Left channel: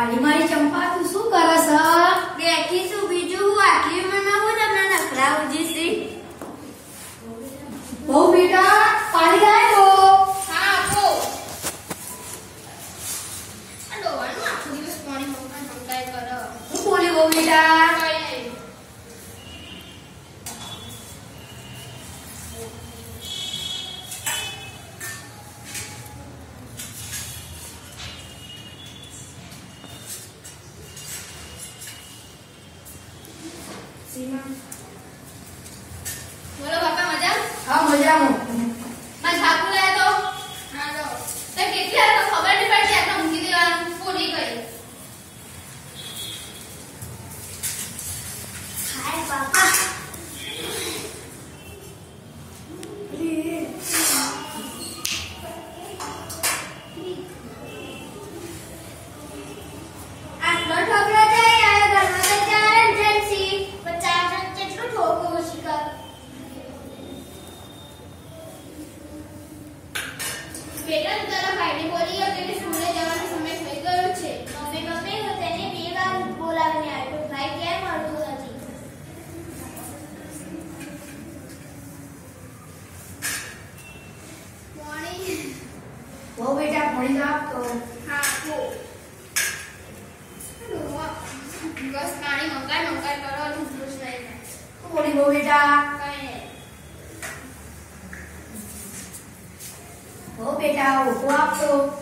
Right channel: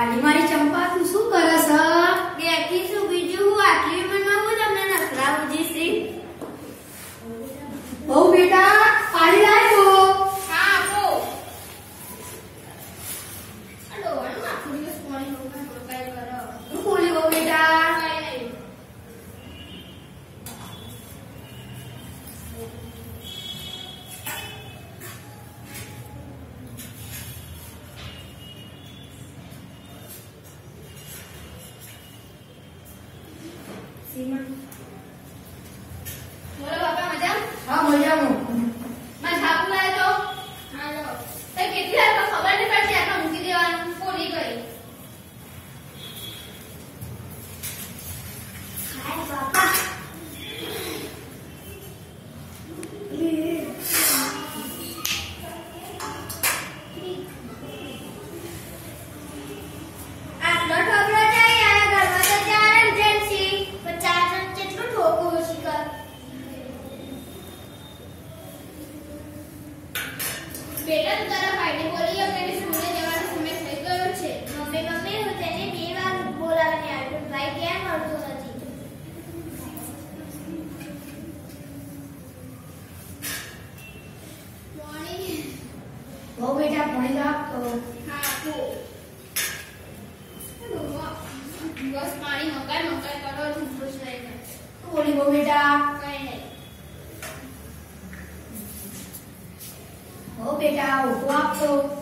મારી મારી ચંપા તું શું કરસ દેખીશું બીજું હું આટલી ઉંમરમાં હું તમને નખરા બોલો બેટા તું તારા ભાઈને બોલી કે સ્કૂલે જવાનો સમય થઈ ગયો છે. મમ્મી મમ્મી હું તેને બે વાર બોલાવીને આવ્યો ભાઈ કેમ મળતું નથી. બહુ બેટા ભણી લાવ તો. હા કો બસ પાણી મંગાય મંગાય કરો ટૂથબ્રશ ખુશ બેટા કઈ નહીં બહુ બેટા? đâu của tôi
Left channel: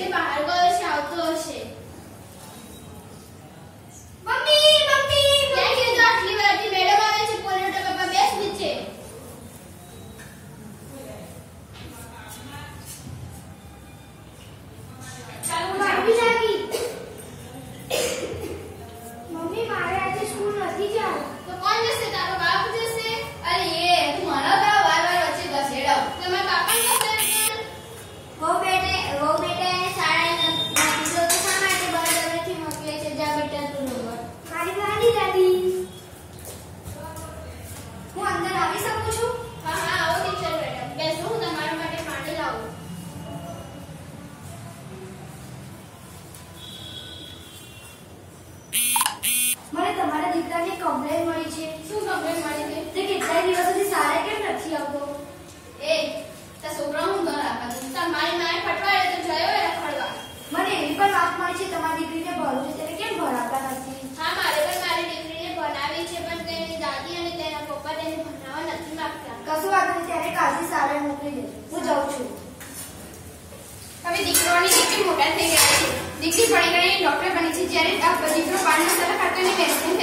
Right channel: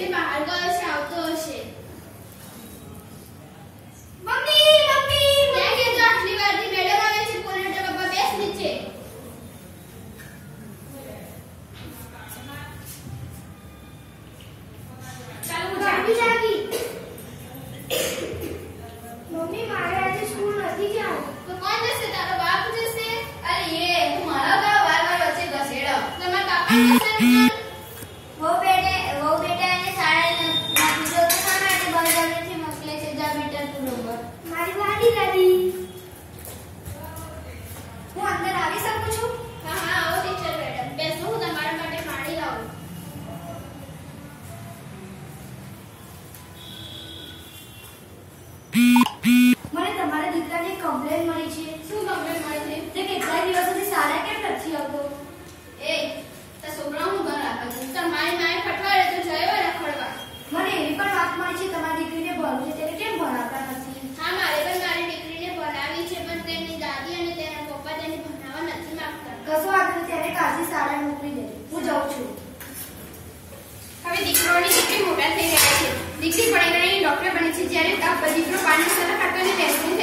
તે બહાર ગયો છે આવતો હશે મમ્મી મમ્મી મેં કીધું આટલી વારથી મેડમ આવે છે પોલિયો તો પપ્પા બેસ નીચે. ચાલો હું ભાભી જાઉં. જાગી મમ્મી મારે આજે સ્કૂલ નથી જવું. તો કોણ જશે? તારો બાપ જશે? અરે એ હું મારા વાર વાર વચ્ચે ઘસેડો તમારા જશે કમ્પ્લેન મળી છે? શું કમ્પ્લેન મળી છે? તે કેટલાય દિવસોથી સારા કેમ નથી આવતો? એ તા છોકરા હું ઘર રાખા છું તા મારી માએ પટવાડે તો જયો રખડવા મને એવી પણ વાત મળી છે, તમારી દીકરીને ભણવું છે, તેને કેમ ભણાવતા નથી? હા, મારે પણ મારી દીકરીને ભણાવી છે, પણ તેની દાદી અને તેના પપ્પા તેને ભણાવવા નથી માંગતા. કશું નહીં, ત્યારે કાશી સારા મોકલી દે. હું જાઉં છું. હવે દીકરોની કેટલી મોટા દીકરી ભણી ગઈ ડોક્ટર બની છે, જ્યારે દીકરો પાણી સર ખાતો અને બેસી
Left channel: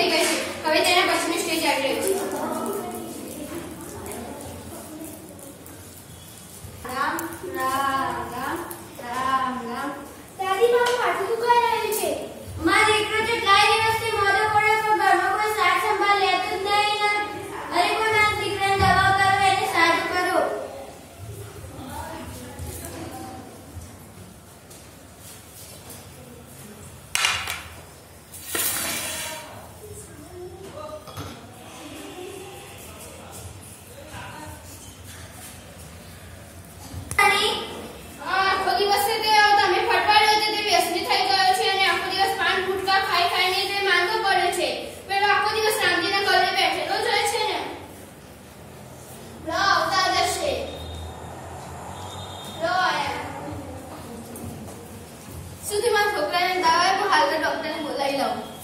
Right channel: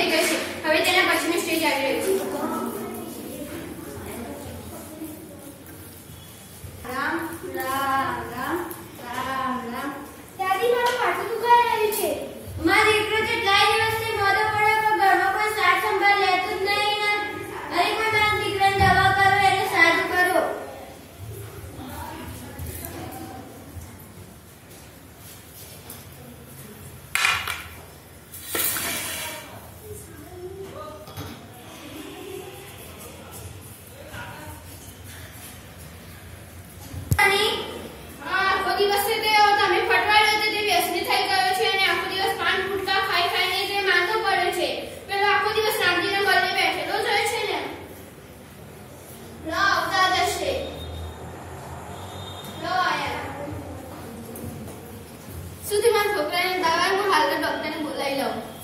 yellow.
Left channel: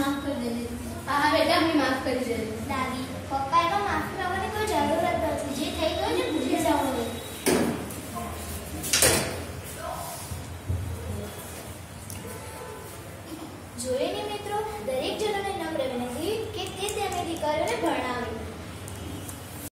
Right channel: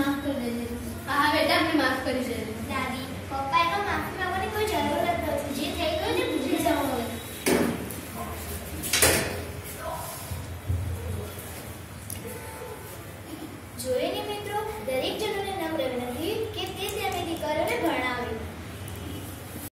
માફ કરી દેજે. હા બેટા મને માફ કરી દેજે. દાદી પપ્પા એનો માફ કરવાની કોઈ જરૂર નથી